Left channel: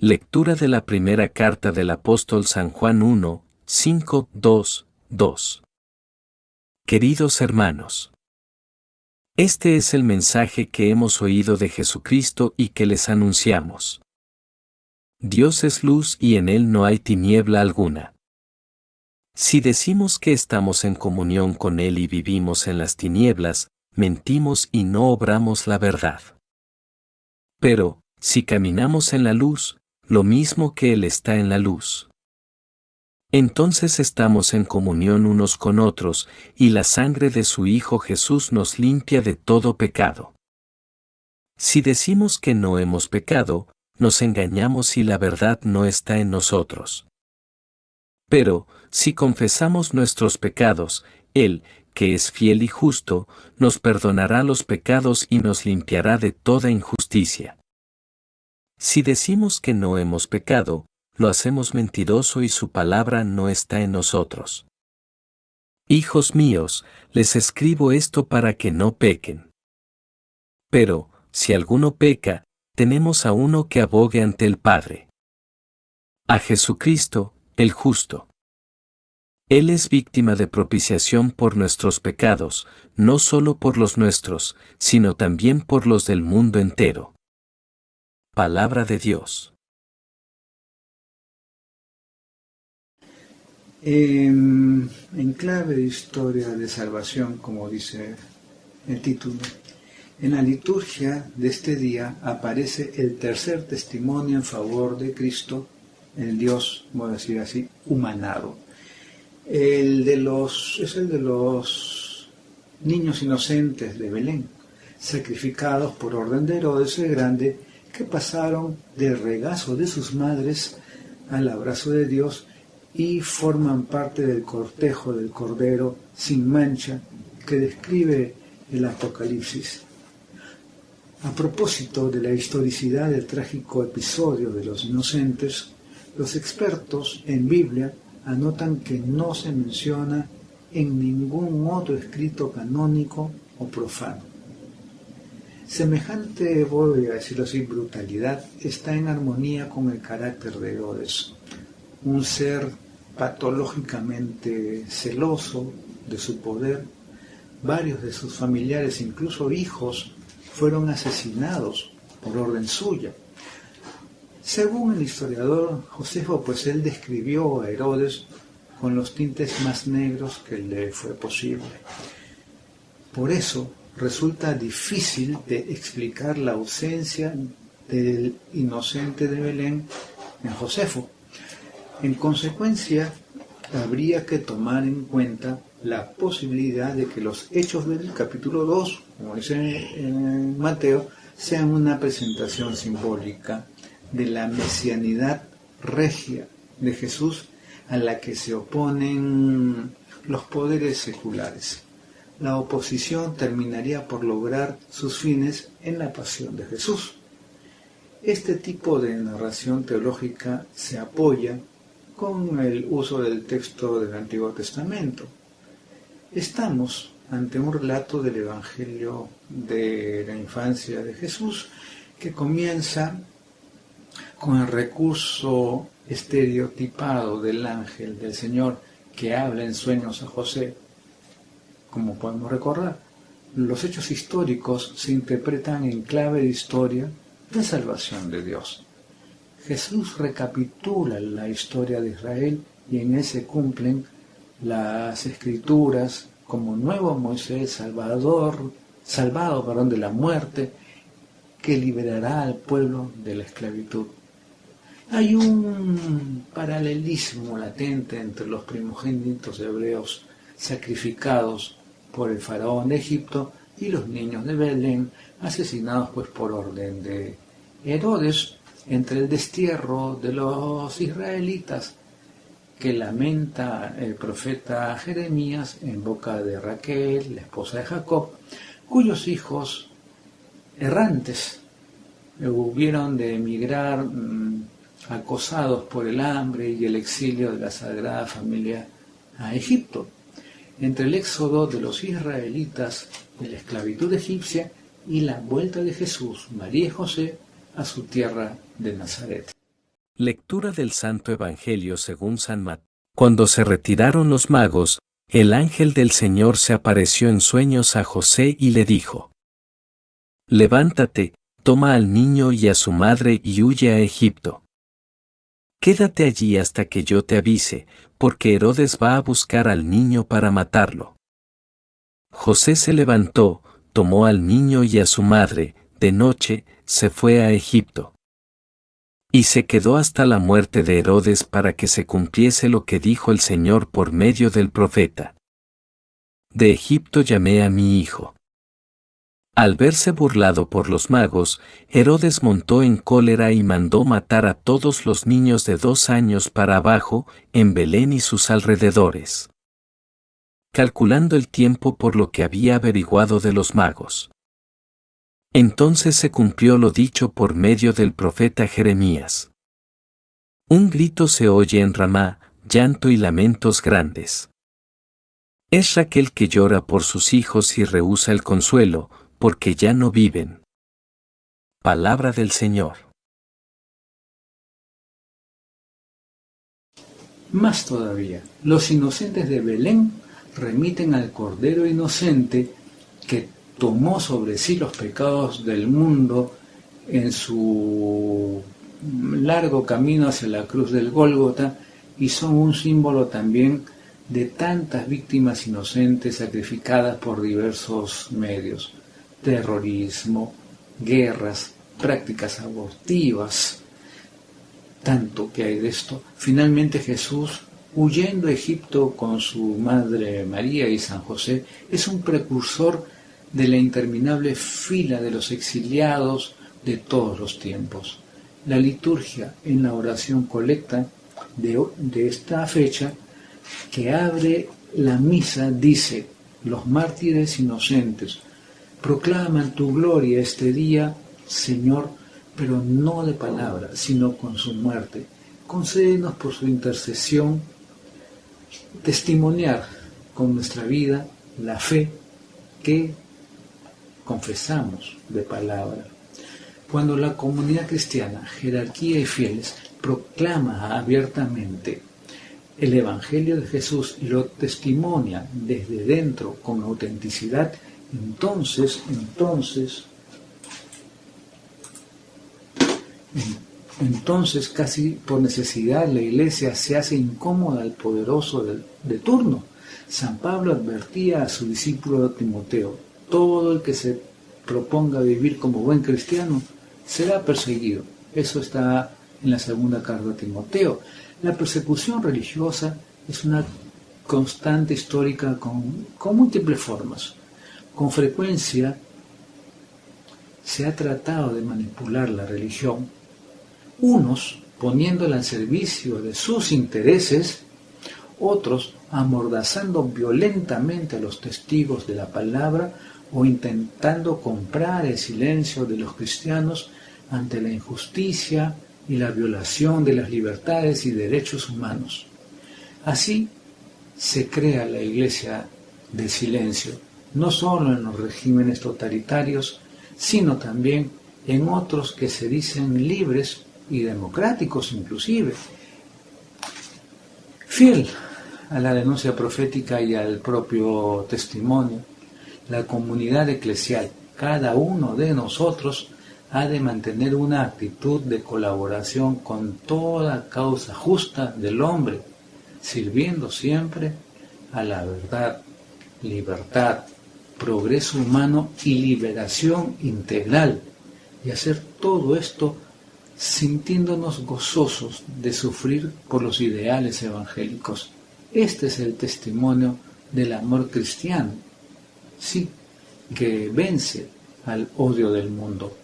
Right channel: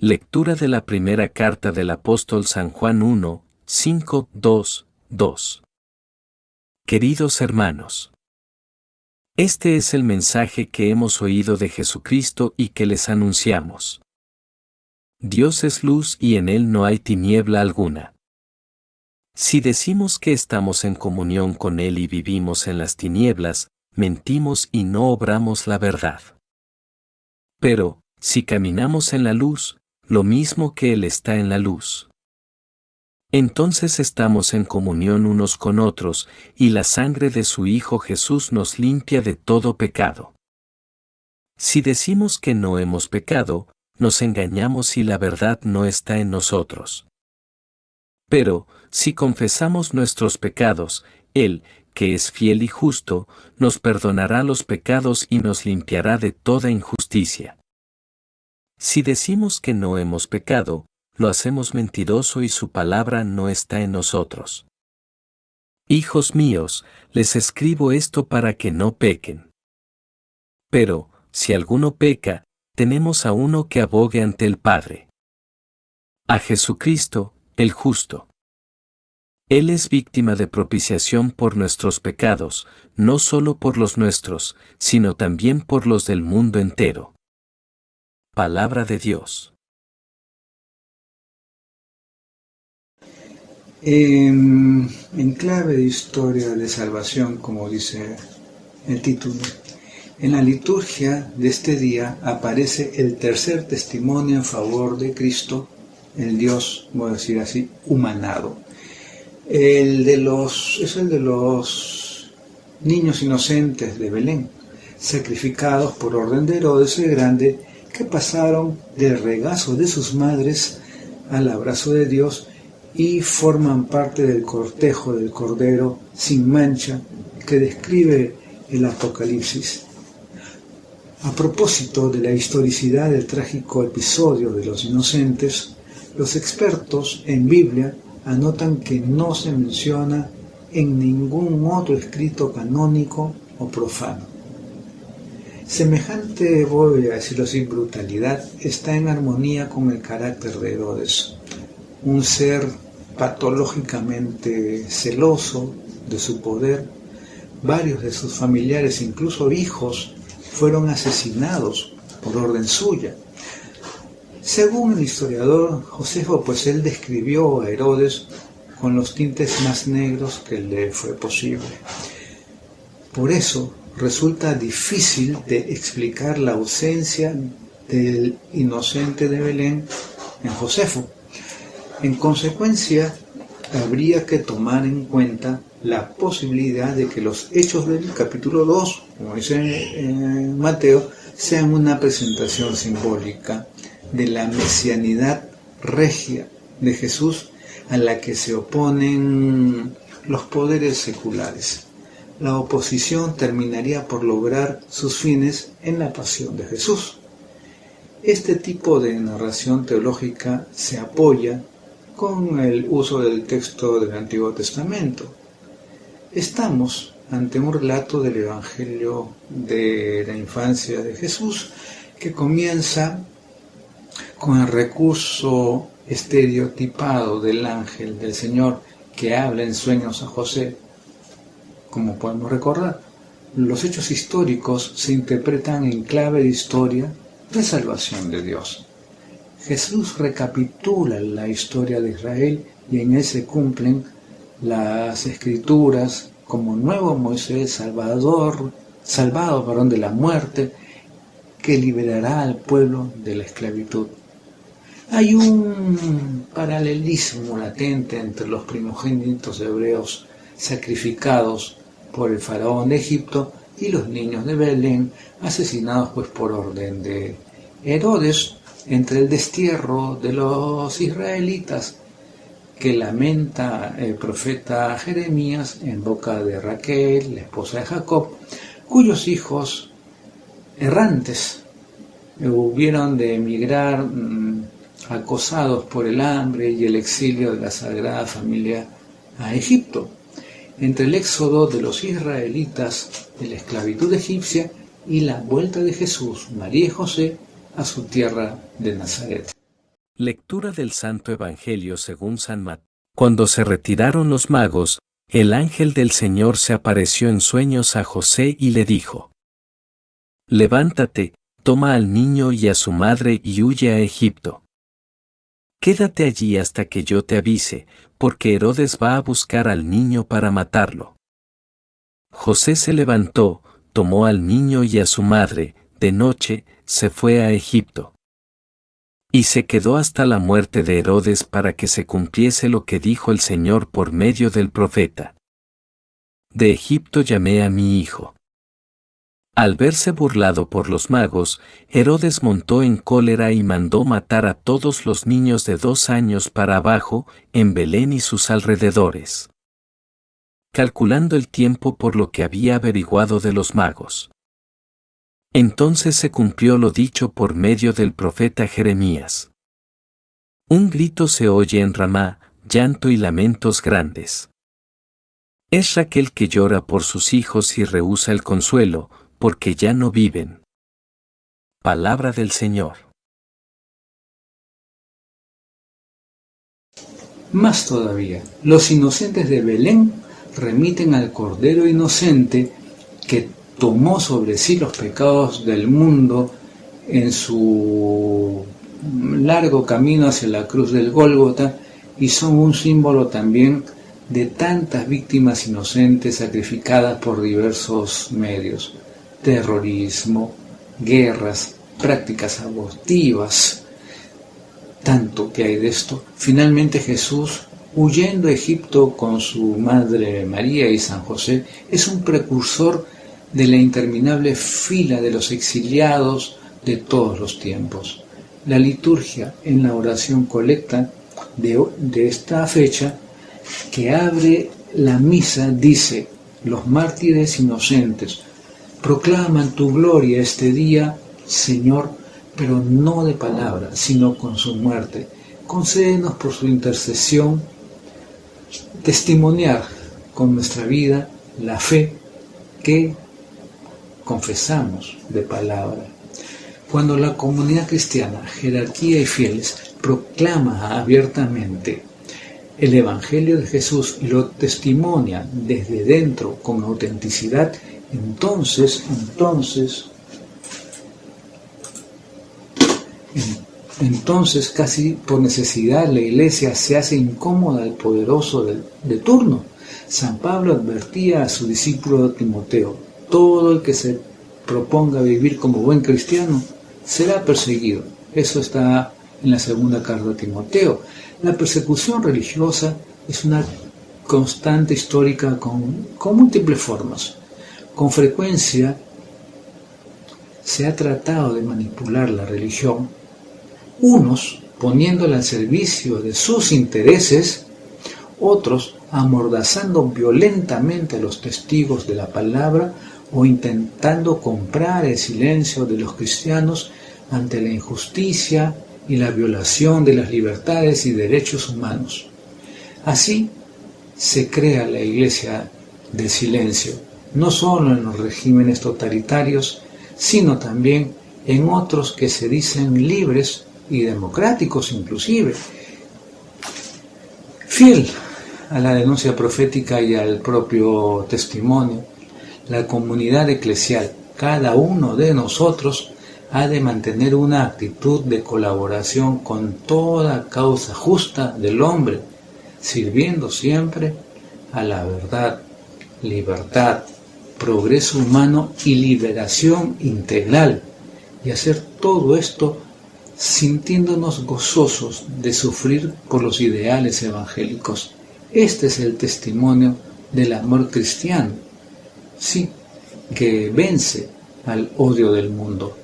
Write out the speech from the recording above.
Lectura de la primera carta del apóstol San Juan 1, 5, 2, 2. Queridos hermanos, este es el mensaje que hemos oído de Jesucristo y que les anunciamos. Dios es luz y en Él no hay tiniebla alguna. Si decimos que estamos en comunión con Él y vivimos en las tinieblas, mentimos y no obramos la verdad. Pero, si caminamos en la luz, lo mismo que Él está en la luz, entonces estamos en comunión unos con otros, y la sangre de su Hijo Jesús nos limpia de todo pecado. Si decimos que no hemos pecado, nos engañamos y la verdad no está en nosotros. Pero, si confesamos nuestros pecados, Él, que es fiel y justo, nos perdonará los pecados y nos limpiará de toda injusticia. Si decimos que no hemos pecado, lo hacemos mentiroso y su palabra no está en nosotros. Hijos míos, les escribo esto para que no pequen. Pero, si alguno peca, tenemos a uno que abogue ante el Padre. A Jesucristo, el justo. Él es víctima de propiciación por nuestros pecados, no solo por los nuestros, sino también por los del mundo entero. Palabra de Dios. En clave de historia de salvación, como dice el título, en la liturgia de este día aparece el tercer testimonio en favor de Cristo, el Dios, voy a decir así, humanado. Es el de los niños inocentes de Belén, sacrificados por orden de Herodes el Grande, que pasaron del regazo de sus madres al abrazo de Dios y forman parte del cortejo del Cordero sin mancha que describe el Apocalipsis. A propósito de la historicidad del trágico episodio de los inocentes, los expertos en Biblia anotan que no se menciona en ningún otro escrito canónico o profano. Semejante, voy a decirlo así, brutalidad está en armonía con el carácter de Herodes, un ser patológicamente celoso de su poder. Varios de sus familiares, incluso hijos, fueron asesinados por orden suya. Según el historiador Josefo, pues él describió a Herodes con los tintes más negros que le fue posible. Por eso resulta difícil de explicar la ausencia del inocente de Belén en Josefo. En consecuencia, habría que tomar en cuenta la posibilidad de que los hechos del capítulo 2, como dice Mateo, sean una presentación simbólica de la mesianidad regia de Jesús a la que se oponen los poderes seculares. La oposición terminaría por lograr sus fines en la pasión de Jesús. Este tipo de narración teológica se apoya con el uso del texto del Antiguo Testamento. Estamos ante un relato del Evangelio de la infancia de Jesús que comienza con el recurso estereotipado del ángel del Señor que habla en sueños a José. Como podemos recordar, los hechos históricos se interpretan en clave de historia de salvación de Dios. Jesús recapitula la historia de Israel y en él se cumplen las escrituras como nuevo Moisés salvado de la muerte, que liberará al pueblo de la esclavitud. Hay un paralelismo latente entre los primogénitos hebreos sacrificados por el faraón de Egipto y los niños de Belén asesinados por orden de Herodes, entre el destierro de los israelitas que lamenta el profeta Jeremías en boca de Raquel, la esposa de Jacob, cuyos hijos errantes hubieron de emigrar acosados por el hambre y el exilio de la Sagrada Familia a Egipto, entre el éxodo de los israelitas de la esclavitud egipcia y la vuelta de Jesús, María y José a su tierra de Nazaret. Lectura del Santo Evangelio según San Mateo. Cuando se retiraron los magos, el ángel del Señor se apareció en sueños a José y le dijo: Levántate, toma al niño y a su madre y huye a Egipto. Quédate allí hasta que yo te avise, porque Herodes va a buscar al niño para matarlo. José se levantó, tomó al niño y a su madre, de noche, se fue a Egipto. Y se quedó hasta la muerte de Herodes para que se cumpliese lo que dijo el Señor por medio del profeta: De Egipto llamé a mi hijo. Al verse burlado por los magos, Herodes montó en cólera y mandó matar a todos los niños de 2 años para abajo, en Belén y sus alrededores, calculando el tiempo por lo que había averiguado de los magos. Entonces se cumplió lo dicho por medio del profeta Jeremías. Un grito se oye en Ramá, llanto y lamentos grandes. Es Raquel que llora por sus hijos y rehúsa el consuelo, porque ya no viven. Palabra del Señor. Más todavía, los inocentes de Belén remiten al Cordero Inocente que tomó sobre sí los pecados del mundo en su largo camino hacia la cruz del Gólgota, y son un símbolo también de tantas víctimas inocentes sacrificadas por diversos medios: terrorismo, guerras, prácticas abortivas. Tanto que hay de esto. Finalmente Jesús, huyendo a Egipto con su madre María y San José, es un precursor de la interminable fila de los exiliados de todos los tiempos. La liturgia en la oración colecta de esta fecha, que abre la misa, dice: los mártires inocentes proclaman tu gloria este día, Señor, pero no de palabra, sino con su muerte. Concédenos por su intercesión testimoniar con nuestra vida la fe que confesamos de palabra. Cuando la comunidad cristiana, jerarquía y fieles proclama abiertamente el Evangelio de Jesús y lo testimonia desde dentro con autenticidad, entonces casi por necesidad la Iglesia se hace incómoda al poderoso de turno. San Pablo advertía a su discípulo Timoteo: todo el que se proponga vivir como buen cristiano será perseguido. Eso está en la segunda carta de Timoteo. La persecución religiosa es una constante histórica con múltiples formas. Con frecuencia se ha tratado de manipular la religión, unos poniéndola al servicio de sus intereses, otros amordazando violentamente a los testigos de la palabra o intentando comprar el silencio de los cristianos ante la injusticia y la violación de las libertades y derechos humanos. Así se crea la Iglesia del silencio, no solo en los regímenes totalitarios, sino también en otros que se dicen libres y democráticos inclusive. Fiel a la denuncia profética y al propio testimonio, la comunidad eclesial, cada uno de nosotros, ha de mantener una actitud de colaboración con toda causa justa del hombre, sirviendo siempre a la verdad, libertad, progreso humano y liberación integral, y hacer todo esto sintiéndonos gozosos de sufrir por los ideales evangélicos. Este es el testimonio del amor cristiano, sí, que vence al odio del mundo.